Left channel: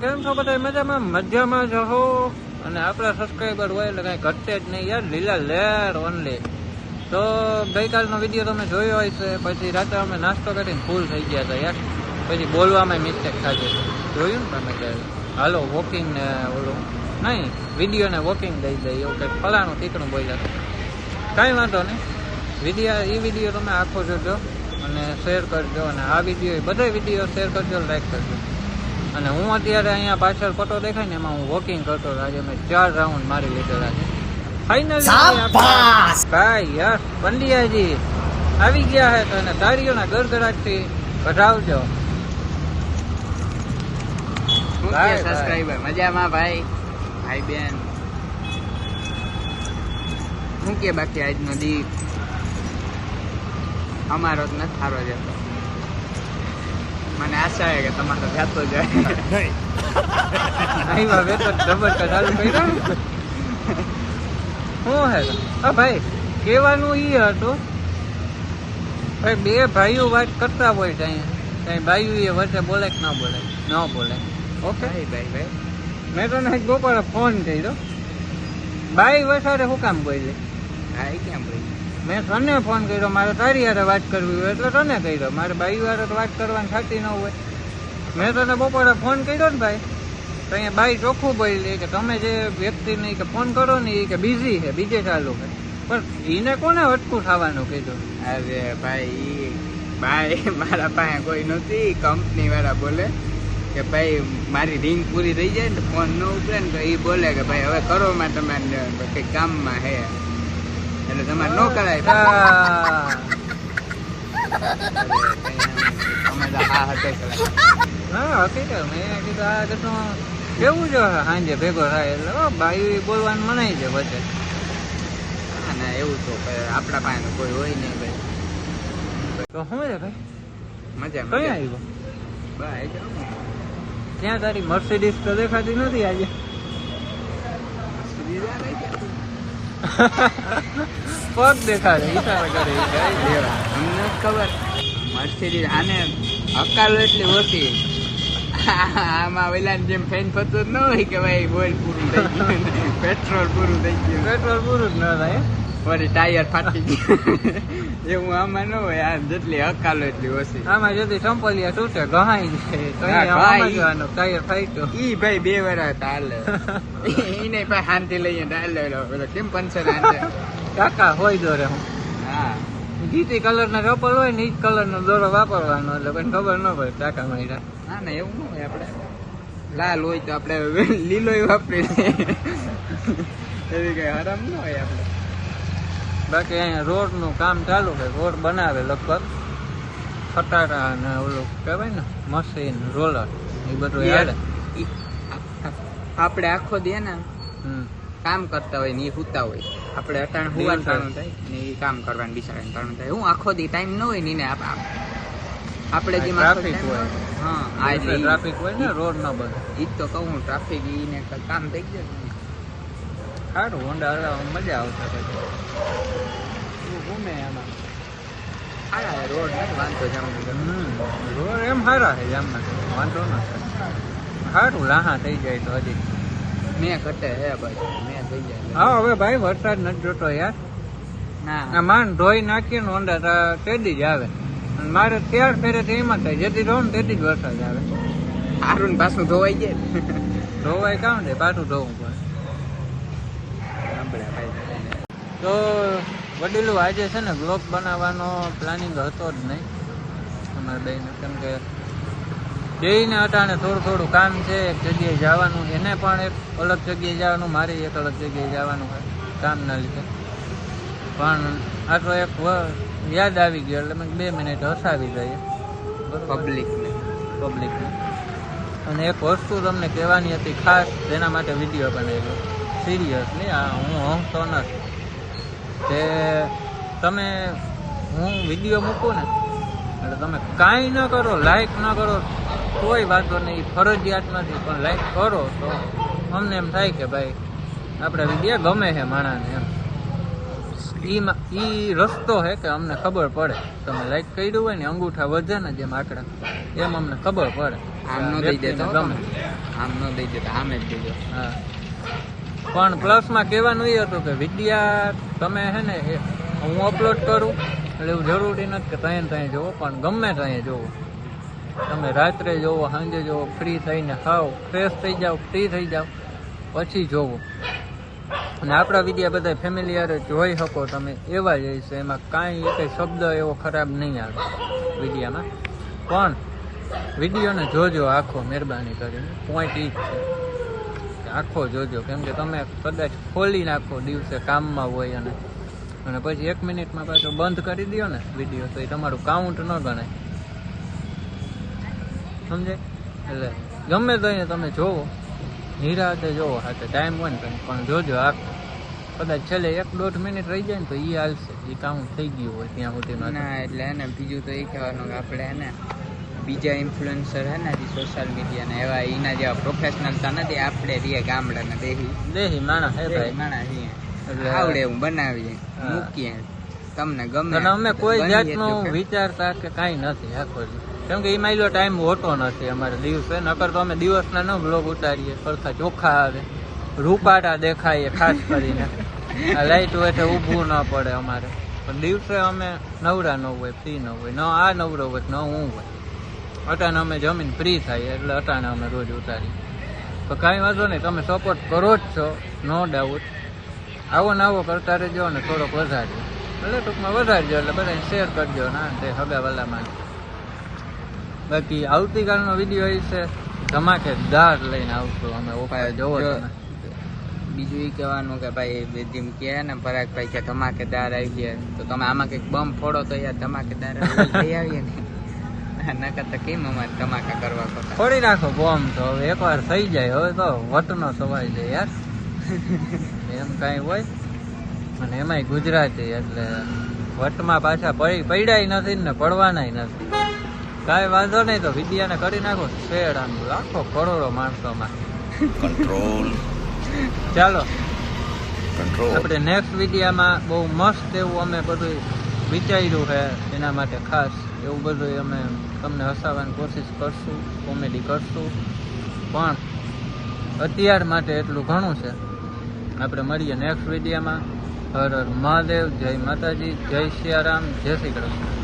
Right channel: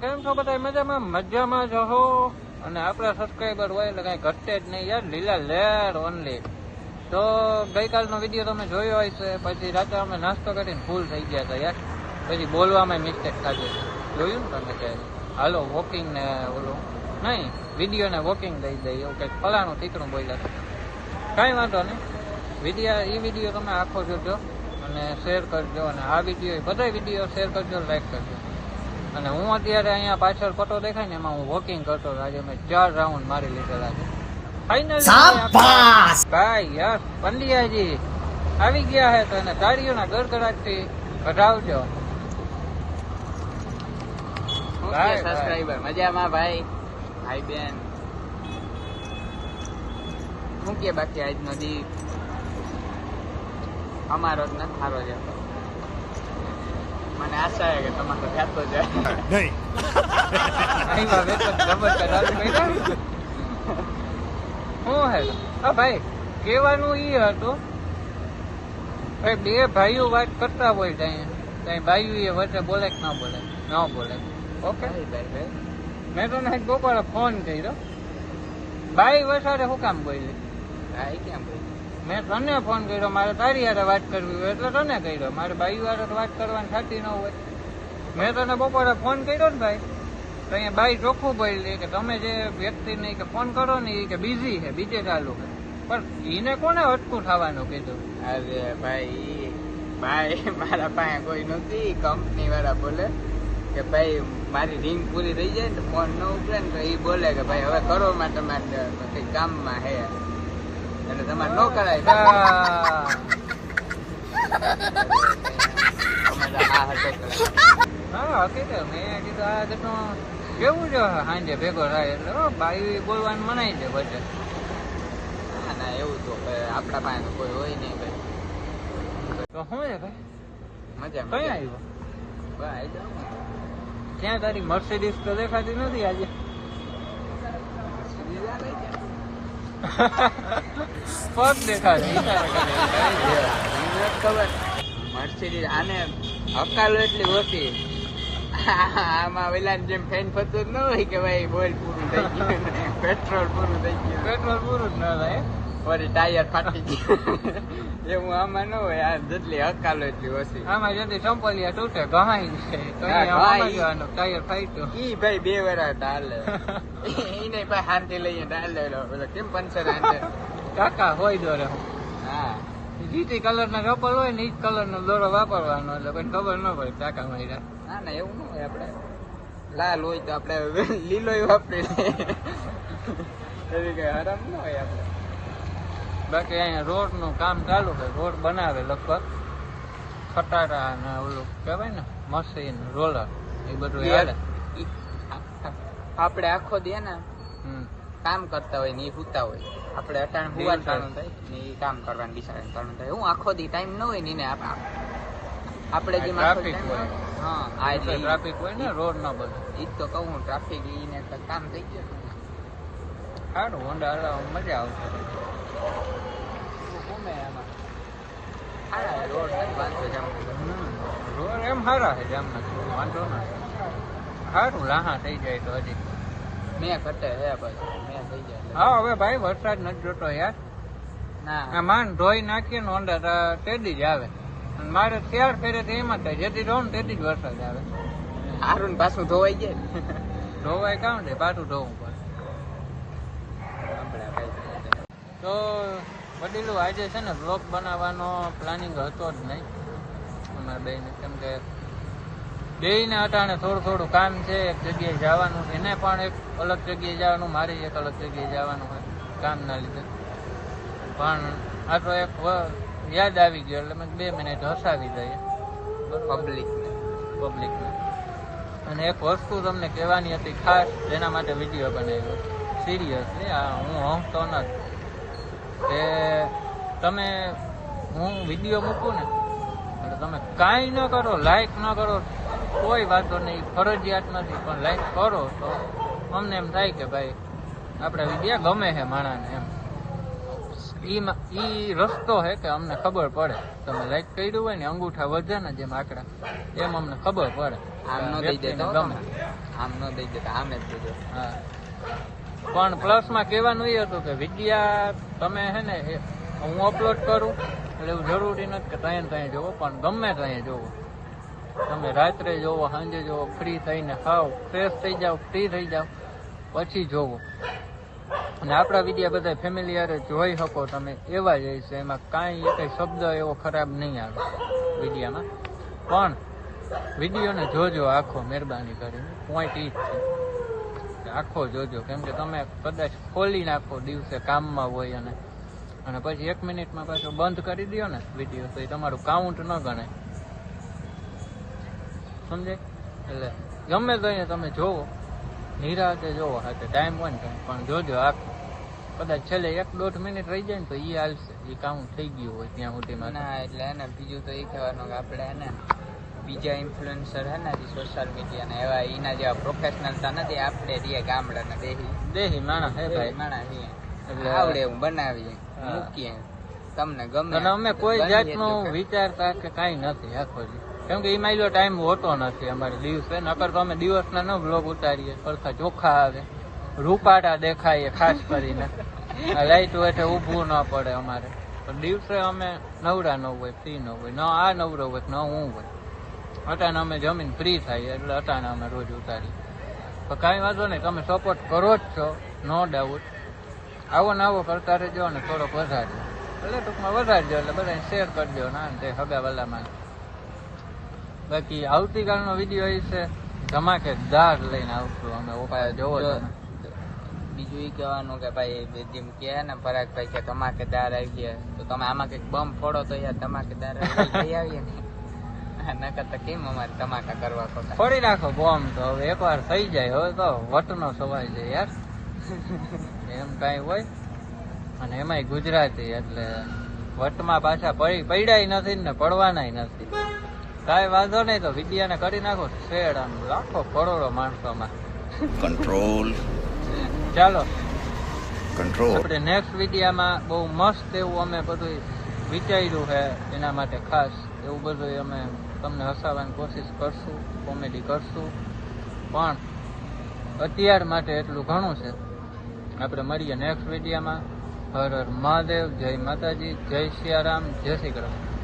કેમ છો બધા? મજામાં જ હો. અને આપણા સબસ્ક્રાઈબર હોય એટલે કઈ ઘટે જ નહીં યાર, લીલા લેર ઓનલી. તો ગઈકાલનો વિડીયો તમે જોયો હોય છે, પછી રાતે અમે નાસ્તો કરીને ફૂલ થઈ ગયા હતા યાર, પછી બોલવામાં મિસ્ટેક થતી જોયું ને તમે કે હાલો વોકિંગ ને ઓલું નહીં, વિડીયો ને વોકિંગ દઈ દઈએ એવું કંઈક ફલાણું ઠીકણું બોલ્યા. કાંઈ વાંધો નહીં, વિડીયો તમે આખો જોજો અને શેર કરજો, અને આ વિડીયો બધા વિડીયો શેર કરજો, લાઈક કરજો. અને હું અત્યારે અહીંયા પાછળ ફોટો દેખાય ને એમાં હું વોકિંગ કરતો હતો. આજે મેં 4 રાઉન્ડ મારી લીધેલા છે ફાઇનલી. ભાઈ યસ પંડ્યાજી આવી ગયા હે તો એને તાળીઓના ગડગડાટથી વધાવજો. સબસ્ક્રાઇબર મજામાં ભાઈ બેન શું કે બાકી આજનો દી અમારો જ નથી સારો જતો. મને આશા છે કે તમારો જાતો જાય નહીં. શું હે ભાઈ કહેવાનું ઈ હતું ભાઈ, બે ભાઈઓ વાત કરતા હોય છે અહીંયા, ભાઈઓ એ વચ્ચે બોલે કે ના બોલે? ન બોલે. ઓકે ભાઈ મેં તને એક બપોરે ફોન કર્યો, બાઈ વસાડે શું કામ બોલે? કેમ બોલી? મેં તને ફોન કર્યો, મારે તારી હારે વાત કરવી હોય એટલે તને કર્યો, મારે બાઈ હારે વાત કરવાની થતી ન હોય. મેં તને બપોરે ફોન કર્યો ને ભાઈ, તો અહીંયા બાઈ ચોખ્ખું બોલી કે તમે જે વ્યક્તિને કે ફોન કરો ને એ કે બિઝી છે, બીજે ચાલુ કરે. પણ એને કોને અટકું થવાનું કીધું? અરે ભાઈ મારા પાસે કોઈ નથી. કંપની વાળા બોલે કે ભાઈ મારી રિંગ પૂરી થઈ જાય ને ફોન ન ઉપડે ને તો એ બોલે કે ભાઈ હવે કરો માં તમારે કઈ કામમાં હે એટલે તમારે ન કરાય. હા હકીકત મેં કીધું આ બધું કેવું છે સાંજે ભેગો થાય એટલે બાઈ બોલવાનું મનાય છે વચ્ચે. ના એવું તો આપણા પાસે કોઈ હોય નહીં ભાઈ. તો શું છે ભાઈ મજા કઈ આવ્યો? ભાઈ ત્યાં તારી મર્સિડીઝ તો દેખાતી નથી આજે. પગ દેખાતી મર્સિડીઝ આને હકાલો એટલી ઓછી. આમાં ઓલા જેમ ફેન પતો જ ન હોય કે ભાઈ બોલ પૂરું થઈ ગયું, પેટ્રોલ પૂરું થઈ ગયું. પેટ્રોલ પૂરું જ ન થાય, વળી ટાયર ફાટી ગયું એવું આમાં ન હોય. આ જેટલી હકાલો એટલી ઓછી. આમાં જતી ચંપલિયા તૂટે ગહાઈ જાય તો ટાયર ફાટ્યો. ઈ ભાઈ 2 વર્ષ હાલે ઈને ભાઈ શાંતિ લઈએ હાલે કેમ પંચર કાકા હોય દોરે હું હા જીતી કલર ના ચપ્પલ હોય ને ઈ કલર નો દોરો વાપરવાનો એટલે પણ ખબર ન પડે ટાકા માર્યા. ના એવું ન હોય. આપણે લાલ હોય તો આપણે લીલો વાપરી એવી કઈ આરામ ન હોય આપણે. બાકી અહીંયા રોડ નું કામ ચાલુ છે, રોડ બનાવે લગભગ ખટારા ને ઓલું કહેવાય ને મશીન રોલર એ બધું યાદ. આપણે આખો દે ને કામ કરતા હોય ને એ સૂતા હોય, આપણે અટાણ હુવાનું ટાણું થાય ને એ કામ કરવાનું બિચારાને ટાણું થાય. હું આખો દી ટાઈમ ન હોય ને આપણે જે ટ્રાફિક હોય. હા આ ટ્રાફિક હોય ને રોડ ના બધે ઈ તો કહું ટ્રાફિક ઈને કામ થઈ ગયું. સારું હોન્ડા હલાવવામાં મજા આવશે. ગમે એમાં હા રોડ નથી વાંધો જામનગર. રોડ એમ સારા છે જામનગર, વાંધો ના છે. સારું લાહા થઈ જાય તો હજી મેં ઘટે હે ભાઈ મેં થઈ જાય. હા હવે ભાઈ વરસાદ નથી જોતો યાર. ના આ માન ધોઈ નાખીએ ને હોન્ડા તેદી જ આવે, અને મારે ત્યાર ફેરેથી એમાં થાય જેથી રહું ને તેથી જ વરસાદ આવે. હારું પાછું ધોવાઈ જાય ધોવાય કામ ને પાછું ધોવું પડે. તો વડીલો આજે છે ને બ્લોગ બનાવવાનો પ્લાનિંગ હતો જ નહીં અમારે બેને, કેમ કે જઈને અટાણે થોડું કામ છે, એક જગ્યાએ જવાનું, એને પણ એક અલગ જગ્યાએ જવાનું, મારે એક અલગ જગ્યાએ જવાનું હોય કામના લીધે. પણ આટલો એક યાદ આવી ગયો એટલે મેં 2 મિનિટ હસાવી દઈએ પબ્લિકને. અને એક વસ્તુ તમને કહેવાની હતી ખાસ, જેના માટે વિડીયો બનાવ્યો સિરિયસલી. હું હંગતો નથી કે તમે હું વિડીયો મૂકું ને એટલે તમે કાંઈ ન કરો, લાઈક ન કરો કોઈ વાતો નહીં, ફરજિયાત નથી, પણ લાઈક કરો તો અમને એમ થાય કે ભાઈ આપણા વિડીયો ગમે છે માણસને એમ. ઈ રસ્તો છે કે અમને ખબર પડે. તમે લાઈક કર્યું હોય ને અંગૂઠા વધે ને જેમ આંકડા, એમ અમને ખબર પડે આમ ન દઈ દેતો ગમે. આમ ન દઈ દે તો આમ જ દેજો. હા પણ પ્લસમાં કહેવાનું એ હતું કે વિડીયા તમે હે ને હું અપલોડ કરું એટલે એવું જરૂરી નથી કે ત્યાં જોવો, પણ ગમે ત્યાં જોવો. તમે રાત્રે જોવો, સાંજે જોવો, ફ્રી થઈને ખાઓ, ફ્રેશ થઈ જાઓ, ફ્રી થઈ જાઓ, પછી જોવો. અને આપણા વિડીયા બધા ફેમિલી યારે જોઈ શકો તમે એવા જ હશે, એમાં કાંઈ એક શબ્દ એવો ખરાબ નહીં આવે વિડીયામાં. પણ વિડીયોને જોજો આખો, મહેરબાની કરી. પોઈન્ટ ઈ જ છે આખો જોજો, કેમ કે તમે કદાચ ખોલી નાખો દિવસે કામમાં હોય અને પછી 1 મિનિટમાં પાછો બંધ કરી દો ને વિડીયો, તો એ તમારું કાઉન્ટ ન ગણાય, સમજે? એટલે ગમે તો અહીંયા તમે જોવો, નિરાતે જોવો, હાથે ટાઈમ હોય ને પણ જોજો આખો. કદાચ છેલ્લે 1-1.5 મિનિટ રહી જાય ને તો એ હાલશે, એ કાઉન્ટ થઈ ગયું હોય ત્યાં સુધીમાં. ના એટલે હે ને બીજું તો એ કહેવાનું કે આપણે હે ને બીજા ઇન્ફ્લુએન્સર હે ને સોશિયલ મીડિયાના એવા એના જેવા પ્રોફેશનલ તો નથી, આપણે રીએ ગામડાના દેહી માણસ હે ભાઈ, માણસ રીએ આવડે એવું બનાવીએ મૂકીએ, તમને ગમે. અને અમે કોઈ જાતનું વિચારતા કે કાંઈ નથી આખો, કેમ કે એમાં એટલો ટાઈમ હોતો નથી અમારે દિવસે. નકર તો અમે દિવસના ન બ્લોગ ઉતારીએ, સરખા ચોખ્ખા આવે, રૂપાટા દેખાય ખાસ કરીને. આ લાઈટ હોય ઊભું ન પડે અમારે. પણ દિવસે અમે નવરા ન હોય, ફ્રી ન હોય, ન આ નવરો હોય ન હું હોય. અટાણે અમે જમીન ફ્રી થાય એટલે અટાણે અમે રોજ ઉતારીએ. તો કાંઈ વાંધો નહીં, તમે સપોર્ટ કરો જ છો નો ડાઉટ. આવો ને આવો કરતા રહેજો ને થોડોક વધારજો, એટલે ટૂંકમાં વધારજો, એટલે બધાને શેર કરજો ના તે હગાવાલામાં. બાકી આવતીકાલનો વિડીયો એ છે ધમાકેદાર લઈને આવશું અમે. ઓકે જોવો તમે. બીજું એ કહેવાનું કે ભાઈ જેમ કે ને પરાગભાઈ કે ધમાકેદાર આવી ગયા, તો તમે આમાં કંઈક બમ ફોડો તો યાર ધમાકેદાર લઈ આવીએ ને. નકર તો કેમ અમારે ધમાકા કરવા પડે. ફોડી નાખો બોમ્બ, તો એકવાર થઈ જાય હવે તો વટનો સવાય છે યાર. એમ કાંઈ હોય, અને એમાંય ગુજરાતી એટલે વટમાં પાછા પડ્યા નથી ને પડવાનાય નથી. કાંઈ વાંધો નહીં, તો વિદ્યાને કરી નાખો શેડ, આમ લાખો કરોડો માણસોમાં કંટ્રોલ. ચાલો કંટ્રોલ. આપણે નેક્સ્ટ વિડીયામાં બહુ મસ્ત એવું અમે બધું વિચાર્યું છે, એના માટે ખાસ એવું બધું અમે તમને હસાવવાની કોશિશ કરશું, કોમેડી કરશું. પણ અત્યાર માટે એટલું ઘણું છે. આપણે મળીએ નેક્સ્ટ વિડીયામાં. હર હર મહાદેવ, જય માતાજી, જય સિયારામ, જય શ્રી કૃષ્ણ.